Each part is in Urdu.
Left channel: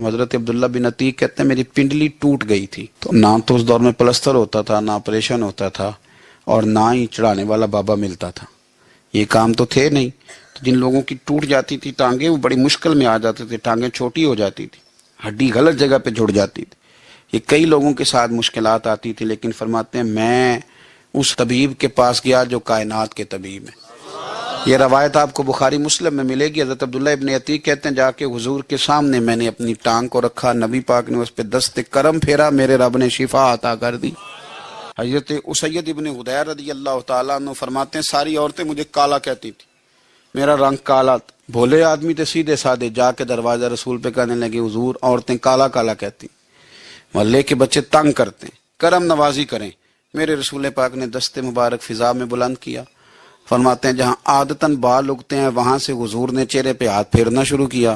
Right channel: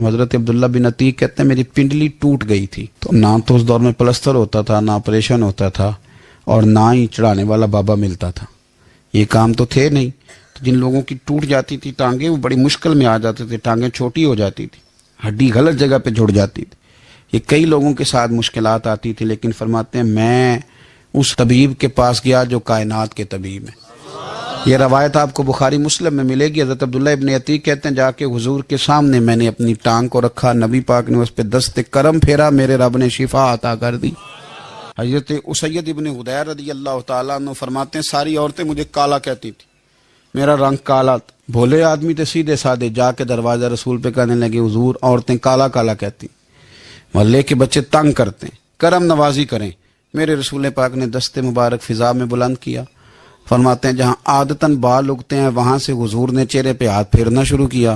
حضرت عبداللہ بن عتیق کہتے ہیں میری پنڈلی ٹوٹ گئی تھی، تو نہ تو اس دور میں پلستر ہوتا تھا، نہ آپریشن ہوتا تھا، اور نہ ہی چڑھانے والا بابا ملتا تھا، یہ کام تو تھے نہیں۔ تو جن لوگوں کی ٹوٹ جاتی تھی ٹانگیں وہ بڑی مشکل میں آ جاتے تھے، ٹانگیں چھوٹی ہو جاتی تھی، ہڈی غلط جگہ پہ جڑ جاتی تھی، یہ کئی لوگوں کے ساتھ مشکلات آتی تھی، لیکن فرماتے ہیں میں اس طبیب کے پاس گیا جو کائنات کے طبیب ہیں۔ یہ روایت آپ کو بخاری مسلم میں ملے گی۔ حضرت عبداللہ ابن عتیق کہتے ہیں جا کے حضور کے سامنے میں نے اپنی ٹانگ کو رکھا، نبی پاک نے اس پہ دست کرم پھیرا، میرے رب نے شفا عطا کر دی۔ حضرت اسید ابن حدیر رضی اللہ تعالیٰ عنہ فرماتے ہیں ساری عورتیں مجھے کالا کہتی تھی، میرا رنگ کالا تھا، بھولے آدمی تھے سیدھے سادے، جا کے دروازہ رسول پہ کہنے لگے حضور عورتیں کالا کالا کہتی، محلے کے بچے تنگ کرتے ہیں، کرم نوازی کریں۔ میرے رسول پاک نے دست مبارک فضا میں بلند کیا، فرماتے ہیں جہاں عادتاً بال اگتے ہیں وہاں سے حضور نے چہرے پہ ہاتھ پھیرنا شروع کیا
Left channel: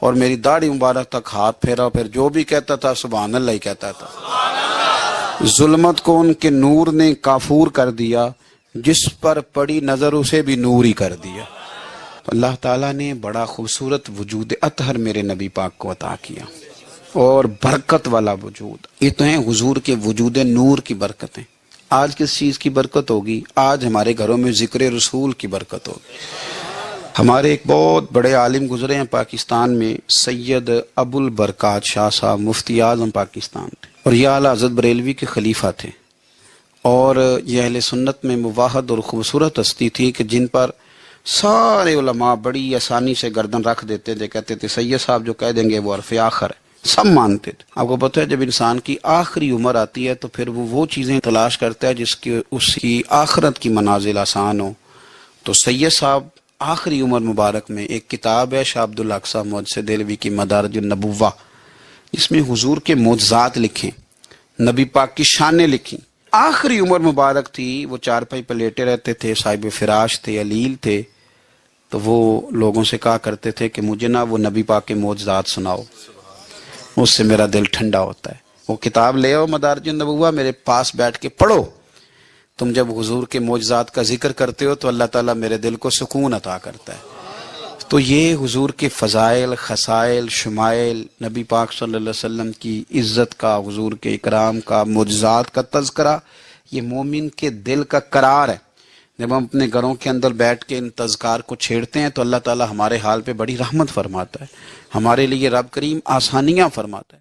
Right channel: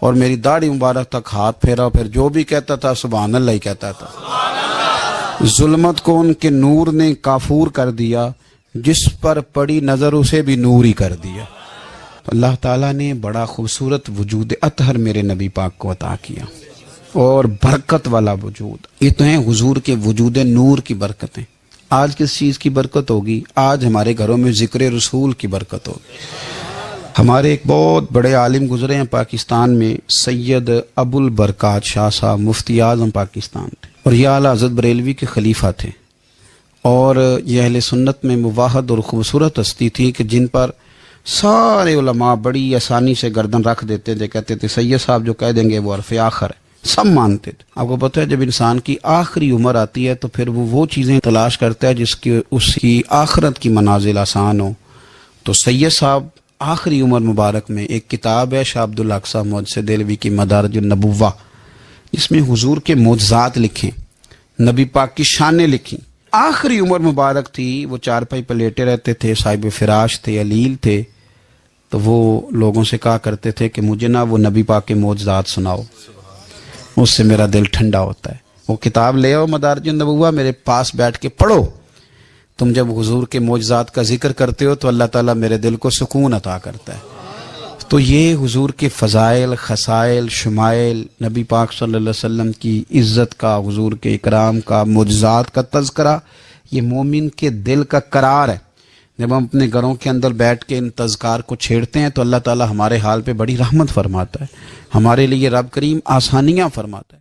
اور میری داڑھی مبارک تک ہاتھ پھیرا، پھر جو بھی کہتا تھا سبحان اللہ ہی کہتا تھا۔ ظلمت کو ان کے نور نے کافور کر دیا، جس پر پڑی نظر اسے بھی نور ہی کر دیا۔ اللہ تعالیٰ نے بڑا خوبصورت وجود اطہر میرے نبی پاک کو عطا کیا، اور برکت والا وجود، یہ تو ہیں حضور کے وجود نور کی برکتیں۔ آج کس چیز کی برکت ہوگی؟ آج ہمارے گھروں میں ذکر رسول کی برکت ہوگی۔ ہمارے ایک بہت بڑے عالم گزرے ہیں پاکستان میں، سید ابو البرکات شاہ صاحب، مفتی اعظم پاکستان تھے، اور یہ اعلیٰ حضرت بریلوی کے خلیفہ تھے، اور یہ اہل سنت میں مواحد اور خوبصورت ہستی تھی کہ جن پر سارے علماء بڑی آسانی سے گردن رکھ دیتے تھے، کہتے تھے سید صاحب جو کہہ دیں گے وہ عرف آخر ہے، سب مانتے تھے۔ آپ کو پتہ ہے جب انسان کی آخری عمر آتی ہے تو پھر وہ چیزیں تلاش کرتا ہے جس کی اس کی آخرت کی منازل آسان ہو۔ تو سید صاحب آخری عمر مبارک میں ایک کتاب ہے شاہ عبد الاقصی محدث دہلوی کی مدارج النبوہ، جس میں حضور کے معجزات لکھیں، نبی پاک کی شانیں لکھیں۔ آخری عمر مبارک تھی، وہ چارپائی پہ لیٹے رہتے تھے، صاحب فراش تھے، علیل تھے، تو وہ لوگوں سے کہا کرتے تھے کہ مجھے نا وہ نبی پاک کے معجزات سناؤ، اس سے میرا دل ٹھنڈا ہوتا ہے۔ وہ کتاب لے آؤ مدارج النبوہ، میرے پاس بیٹھ کے پڑھو، تم جب حضور کے معجزات کا ذکر کرتے ہو تو اللہ تعالیٰ میرے دل کو سکون عطا کرتا ہے۔ تو یہ حضور کے فضائل، خصائل، شمائل، نبی پاک صلی اللہ علیہ وسلم کی عزت کا، حضور کے اکرام کا، معجزات کا تذکرہ، یہ مومن کے دل کا قرار ہے۔ جب ہم اپنے گھروں کے اندر بیٹھ کے ان تذکار کو چھیڑتے ہیں تو اللہ تعالیٰ ہمارے حال پہ بڑی رحمت فرماتا ہے، ہمارے لیے رب کریم آسانیاں فرماتا ہے۔